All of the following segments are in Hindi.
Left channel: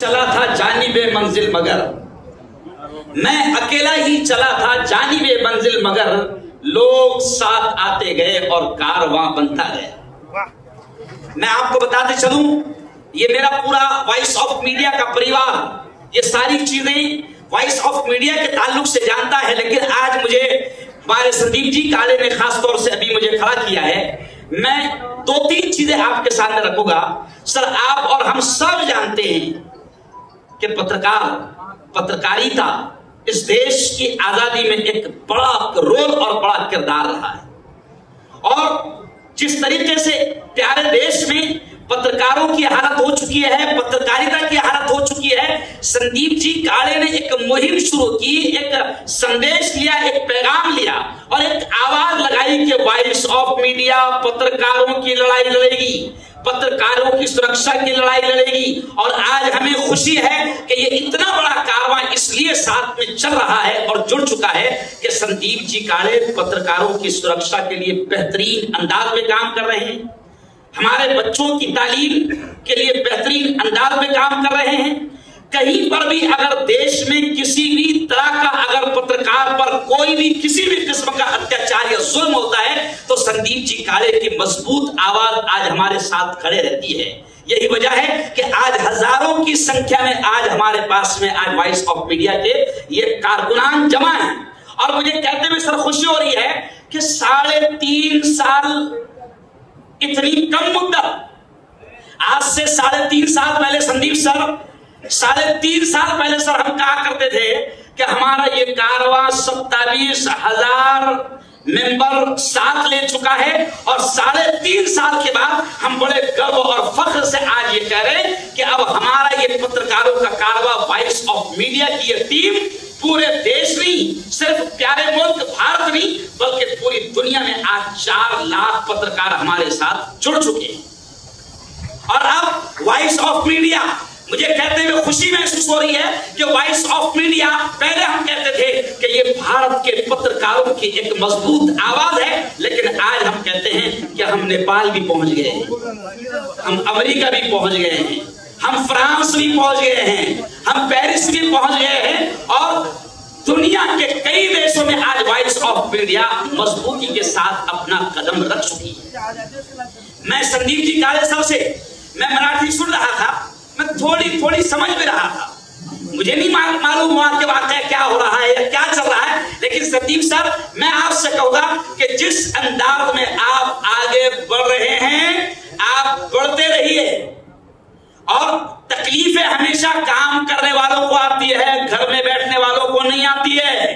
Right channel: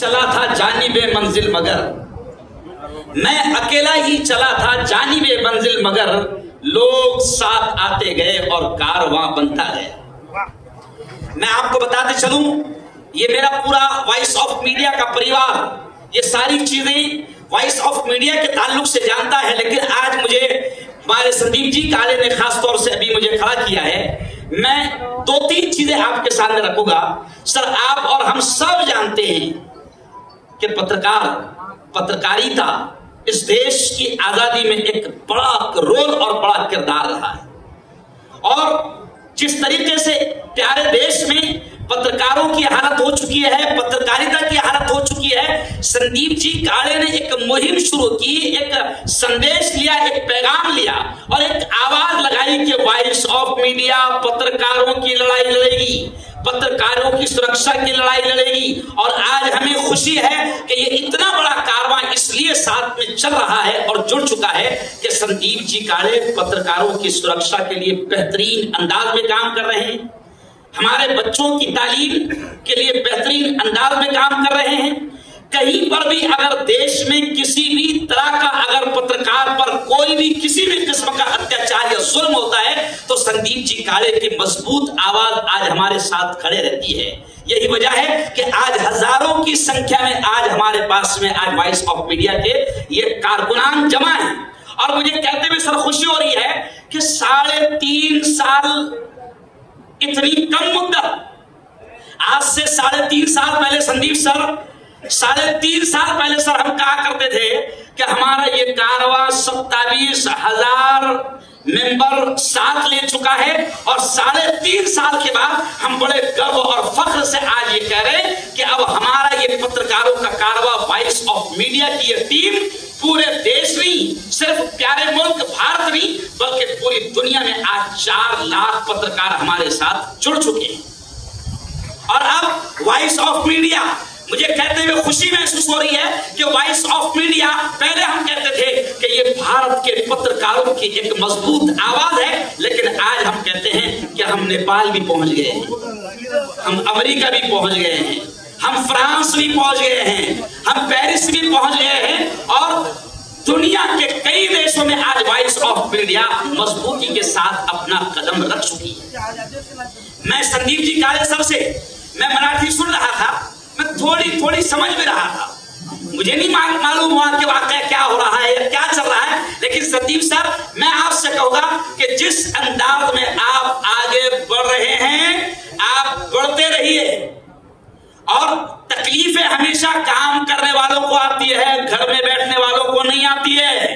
चला था जानिबे मंजिल मगर, मैं अकेला ही चला था जानिबे मंजिल मगर, लोग साथ आते गए और कारवां बनता गया। मैं आपको बताते चलूं, ये मेरा पूरा वॉइस ऑफ मीडिया का परिवार ये सारी चीजें वॉइस ऑफ मीडिया के ताल्लुक से जानता है, लेकिन आज मुझे हमारे संदीप जी काले ने खास तौर से अभी मुझे खड़ा किया है। मैं 2-3 चीजें आपके सामने रखूंगा। सर, आप और हम सब जानते हैं कि पत्रकारिता इस देश की आजादी में एक बड़ा रोल और बड़ा किरदार रहा है, और जिस तरीके से प्यारे देश में पत्रकारों की हालत हो चुकी है, पत्रकारिता की हालत हो चुकी है, संदीप जी काले ने एक मुहिम शुरू की, एक संदेश लिया, एक पैगाम लिया और एक आवाज लगाई कि वॉइस ऑफ मीडिया पत्रकारों की लड़ाई लड़ेगी, पत्रकारों की सुरक्षा की लड़ाई लड़ेगी। और आज हमें खुशी है कि ये इतना बड़ा कारवां इसलिए साथ में चल रहा है और जुड़ चुका है कि संदीप जी काले पत्रकारों की सुरक्षा के लिए बेहतरीन अंदाज में काम कर रहे हैं, हमारे बच्चों की तालीम के लिए बेहतरीन अंदाज में काम कर रहे हैं। कहीं पर भी अगर देश में किसी भी तरह का अगर पत्रकार पर कोई भी किसी भी किस्म का अत्याचार या जुल्म होता है तो संदीप जी काले की मजबूत आवाज आज हमारे साथ खड़े रहती है। यही वजह है कि आज हजारों की संख्या में आज हमारे पास में आज वॉइस ऑफ मीडिया के ये कारकुनान जमा है। और मुझे कहते हुए सर खुशी हो रही है कि 3.5 साल इतनी कम मुद्दत, आज से 3.5 साल पहले संदीप सर 3.5 साल पहले सर हम कहा करते थे कि हमारा ये कारवां 27,000 मेंबर साथ ले चुका है, और 3.5 साल के बाद हम बड़े गर्व और फख्र से आज ये कह रहे हैं कि अब हमारा ये पत्रकारों का कारवां वॉइस ऑफ मीडिया की ये टीम पूरे देश में, सिर्फ प्यारे मुल्क भारत नहीं बल्कि पूरी दुनिया में आज 4 लाख पत्रकार हमारे साथ जुड़ चुके हैं। और अब वॉइस ऑफ मीडिया, मुझे कहते हुए खुशी महसूस हो रही है कि वॉइस ऑफ मीडिया, पहले हम कहते थे कि ये भारत के पत्रकारों की एक मजबूत आवाज है, लेकिन आज हम कहते हैं कि हम नेपाल भी पहुंच गए हैं, हम अमेरिका भी पहुंच गए हैं, हम फ्रांस भी पहुंच गए हैं, हम पेरिस भी पहुंच गए हैं, और दुनिया के कई देशों में आज वॉइस ऑफ मीडिया मजबूती के साथ अपना कदम रख चुकी है। मैं संदीप जी काले साहब से मैं मराठी सुन रहा था, मैं थोड़ी समझ में रहा था, मुझे नहीं मालूम वहां के वाकया क्या हो रहा है या क्या चल रहा है, लेकिन संदीप सर मैं आपसे कहूंगा कि जिस अंदाज में आप आगे बढ़ रहे हैं आप बढ़ते रहिए। और तकलीफें हमेशा काम करने वालों को आती है, घर में बैठने वालों को नहीं आती है।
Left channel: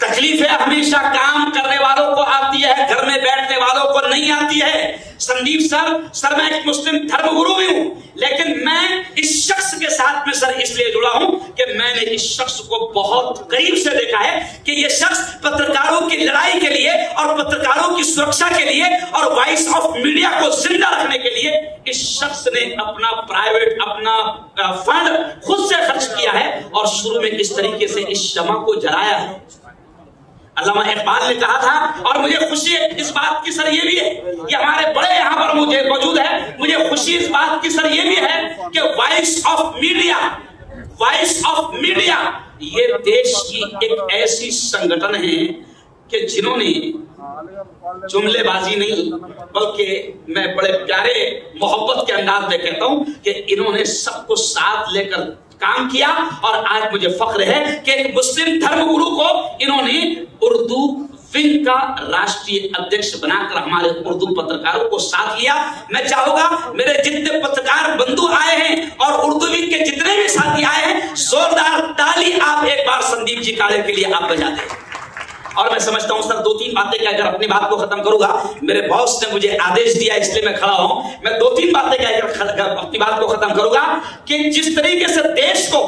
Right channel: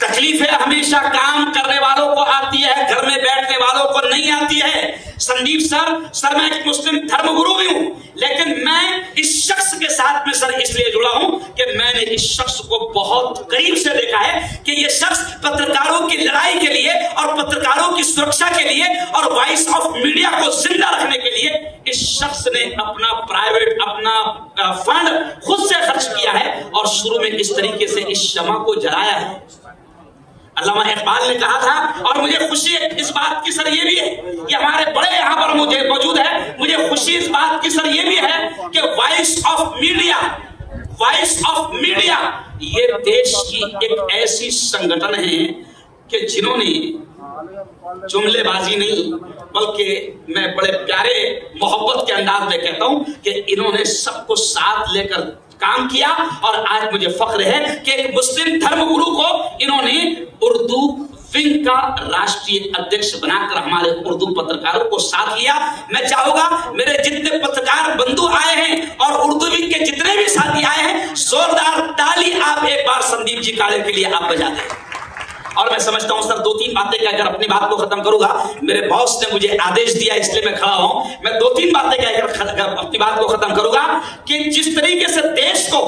तकलीफें हमेशा काम करने वालों को आती है, घर में बैठने वालों को नहीं आती है। संदीप सर मैं एक मुस्लिम धर्मगुरु भी हूं, लेकिन मैं इस शख्स के साथ में सर इसलिए जुड़ा हूं कि मैंने इस शख्स को बहुत करीब से देखा है कि ये शख्स पत्रकारों की लड़ाई के लिए और पत्रकारों की सुरक्षा के लिए और वॉइस ऑफ मीडिया को जिंदा रखने के लिए इस शख्स ने अपना प्राइवेट अपना फंड खुद से खर्च किया है और शुरू में इस तरीके से इस शमा को जलाया है। अल्लामा इकबाल ने कहा था, और मुझे खुशी इस बात की सर ये भी है, ये हमारे बड़े यहाँ पर मुझे मौजूद है, मुझे खुशी इस बात की सर ये भी है कि वॉइस ऑफ मीडिया ये देश की एक ऐसी संगठन है कि जिन्होंने जुमलेबाजी नहीं बल्कि मैं बड़े प्यारे मोहब्बत के अंदाज में कहता हूं कि इन्होंने सबको साथ लेकर काम किया। और आज मुझे फख्र है कि एक मुस्लिम धर्मगुरु को इन्होंने उर्दू विंग का राष्ट्रीय अध्यक्ष बनाकर हमारे उर्दू पत्रकारों को साथ लिया। मैं चाहूंगा मेरे जितने पत्रकार बंधु आए हैं और उर्दू विंग के जितने भी साथी आए हैं, जोरदार ताली आप एक बार संदीप जी काले के लिए आप बजा दें। और मैं समझता हूं सर 2-3 बातें कहकर अपनी बात को खत्म करूंगा, मेरे बॉस ने मुझे आदेश दिया इसलिए मैं खड़ा हूं। मैं 2-3 बातें कहकर अपनी बात को खत्म करूंगा कि जिस तरीके से देश को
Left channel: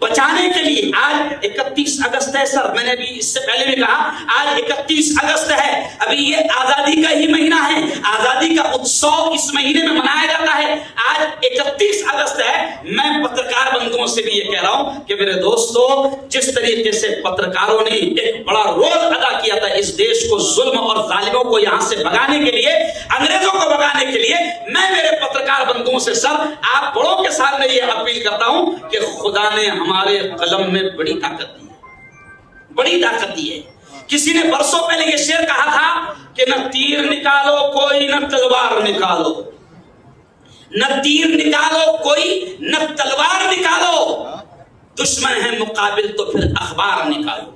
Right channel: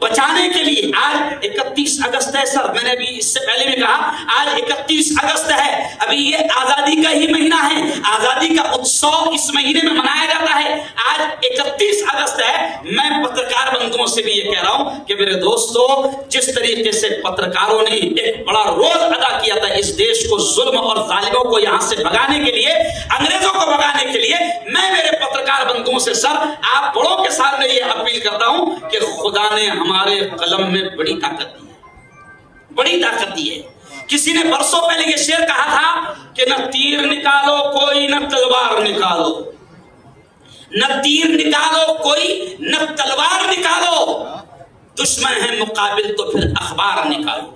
बचाने के लिए आज 31 अगस्त है सर, मैंने अभी इससे पहले भी कहा आज 31 अगस्त है, अभी ये आजादी का ही महीना है, आजादी का उत्सव इस महीने में मनाया जाता है। आज 31 अगस्त है, मैं पत्रकार बंधुओं से भी ये कह रहा हूं कि मेरे दोस्तों, जिस तरीके से पत्रकारों ने एक बड़ा रोल अदा किया था इस देश को जुल्म और जालिमों को यहां से भगाने के लिए, अंग्रेजों को भगाने के लिए, मैं मेरे पत्रकार बंधुओं से सर आप बड़ों के साथ सामने ये अपील करता हूं कि खुदा ने हमारे कलम में बड़ी ताकत दी है, बड़ी ताकत दी है। किसी ने बरसों पहले ये शेर कहा था कि न तीर निकालो कोई न तलवार निकालो, न तीर निकालो कोई न तलवार निकालो, दुश्मन है मुकाबिल तो फिर अखबार निकालो।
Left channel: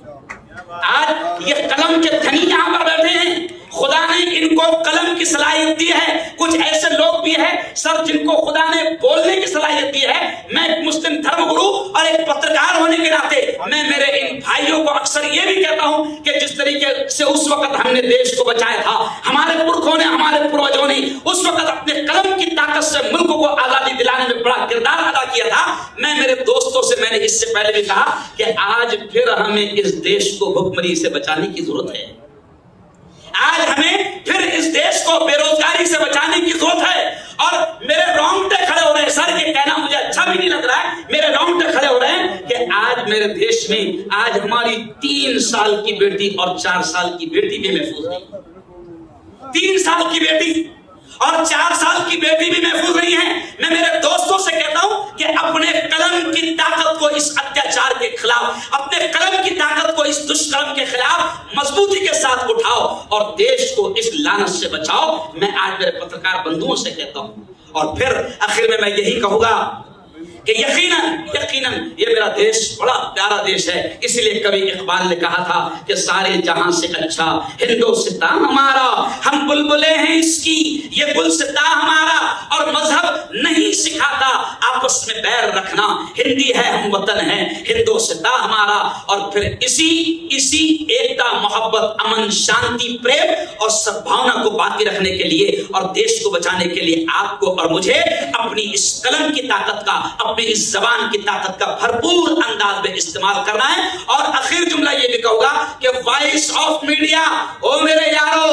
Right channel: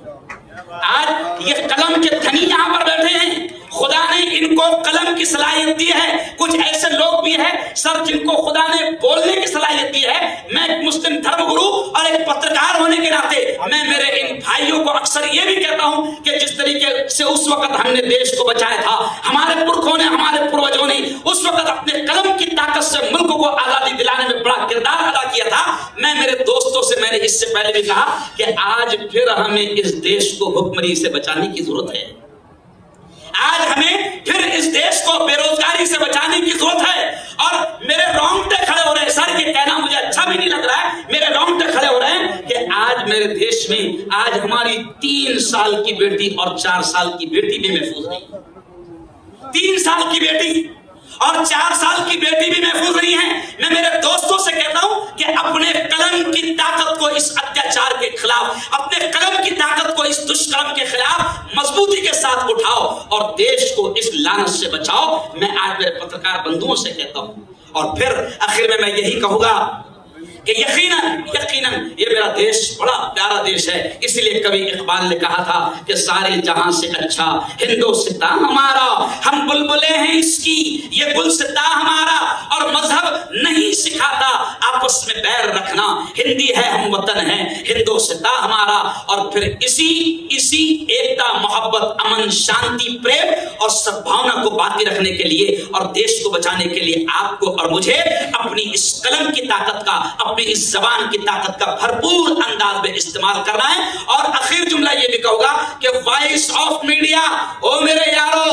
आज ये कलम के धनी यहां पर बैठे हैं, खुदा ने इनको कलम की सलाहियत दी है। कुछ ऐसे लोग भी हैं सर जिनको खुदा ने बोलने की सलाहियत दी है। मैं एक मुस्लिम धर्मगुरु और एक पत्रकार होने के नाते मैं मेरे इन भाइयों को अक्सर ये भी कहता हूं कि जिस तरीके से उस वक्त हमने देश को बचाया था, हमारे पुरखों ने, हमारे पूर्वजों ने उस वक्त अपने कलम की ताकत से मुल्क को आजादी दिलाने में बड़ा किरदार अदा किया था। मैं मेरे दोस्तों से मैंने इससे पहले भी कहा कि आज फिर हमें इस देश को भुखमरी से बचाने की जरूरत है। आज हमें फिर इस देश को बेरोजगारी से बचाने की जरूरत है। और मेरे रोंगटे खड़े हो रहे हैं सर, ये कहना मुझे अच्छा भी नहीं लग रहा है, मेरे रोंगटे खड़े हो रहे हैं कि आज मेरे देश में आज हमारी 3 साल की बेटी और 4 साल की बेटी भी महफूज नहीं। 3 साल की बेटी और 4 साल की बेटी भी महफूज नहीं है। मैं मेरे दोस्तों से कहता हूं कि अपने कलम की ताकत को इस अत्याचार के खिलाफ, अपने कलम की ताकत को इस दुष्कर्म के खिलाफ मजबूती के साथ उठाओ और देश को इस लानत से बचाओ। मैं आज मेरे पत्रकार बंधुओं से कहता हूं। और फिर आखिर में मैं यही कहूंगा कि यकीनन ये मेरा देश बड़ा प्यारा देश है। इसलिए कवि इकबाल ने कहा था कि सारे जहां से अच्छा हिंदुस्तान हमारा, हम बुलबुले हैं इसकी ये गुलसिता हमारा, और मजहब नहीं सिखाता आपस में बैर रखना, हिंदी है हम वतन है हिंदुस्तान हमारा। और फिर इसी एकता, मोहब्बत, अमन, शांति, प्रेम और सद्भावना को बाकी रखने के लिए और देश को बचाने के लिए आपको और मुझे अपनी इस कलम की ताकत का, अपनी इस जबान की ताकत का भरपूर अंदाज में इस्तेमाल करना है। और आखिर जुमला ये भी कहूंगा कि वॉइस ऑफ मीडिया, ओ मेरे यारों,